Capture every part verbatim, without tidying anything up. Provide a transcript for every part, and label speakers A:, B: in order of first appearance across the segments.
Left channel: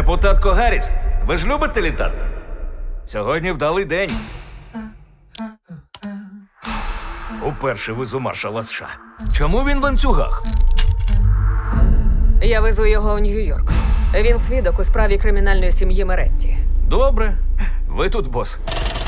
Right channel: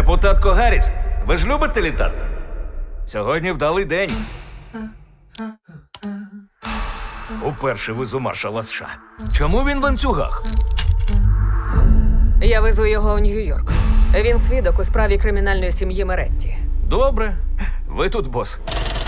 A: Депутатко Гарріс, ви ж любите літати? Сьогодні вдалий день. Уперше везу маршала США. Чому він в ланцюгах?
B: Я везу його у Нью-Йорк. Він свідок у справі кримінальної сім'ї Меретті.
A: Добре. Ви тут, бос.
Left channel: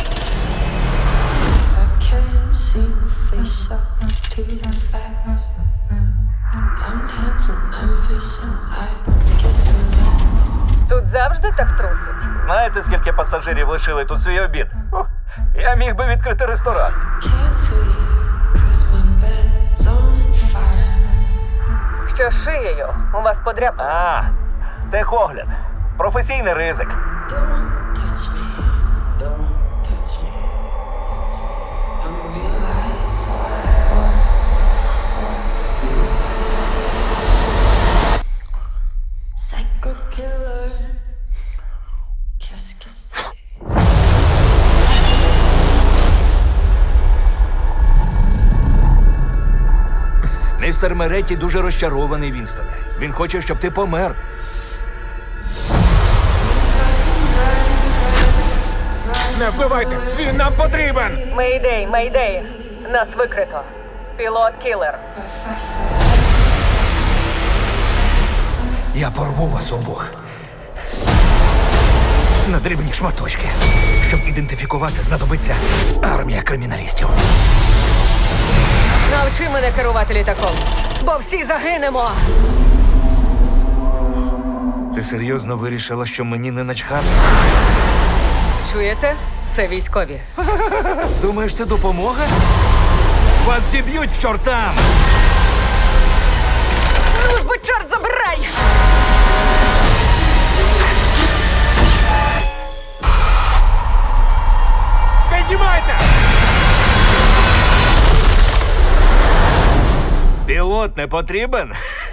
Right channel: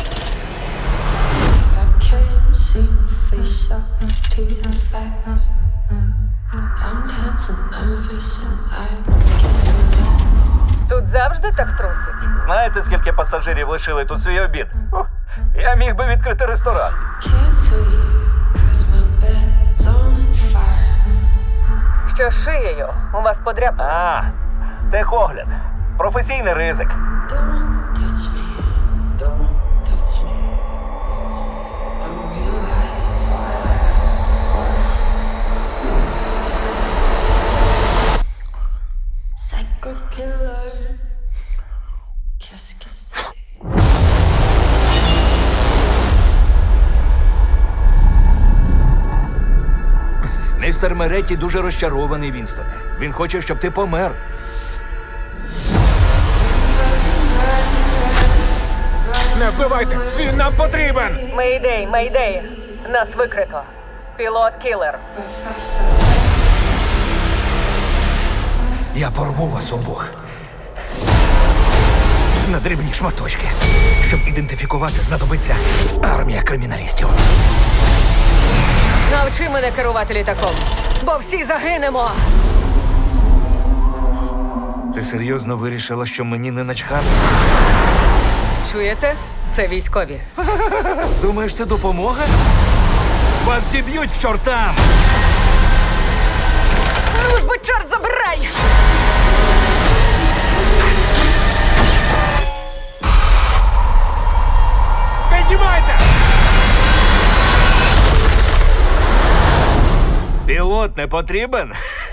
C: I can't seem to face up to the facts. I'm dancing, nervous, and I can't relax.
B: Тут завжди так трусить.
A: Знаєте, скільки пасажирів лишили тут свій обід? Ух, я міг би відкрити ресторан.
C: Can't sleep, cause my bed's on fire.
B: Що з шиєю у вас подряпано.
A: А, техогляд. Професійний ризик.
C: Don't touch me, don't touch me. I'm a real life fire. Psycho killer. Qu'est-ce que c'est?
A: Містер Меретті дуже розчарований, Вінстоне. Він хоче, щоб ти помер.
D: Не вбивайте! Він нам потрібен!
B: Мейдей, мейдей. Нас викрито. Пілот кілер.
A: Я порву вас обох. На дрібні шматочки. Щоб ідентифікувати, знадобиться армія криміналістів.
B: Навчи мене керувати літаком, бо всі загинемо.
A: Ти серйозно вирішила, що мені не начхати?
B: Чуєте? Це військові.
A: Думаєш, це допомога? Вас зіб'ють к чортам!
B: Ну ж бо чорт забирай!
D: Піднімайте!
A: Пілот не потрібен?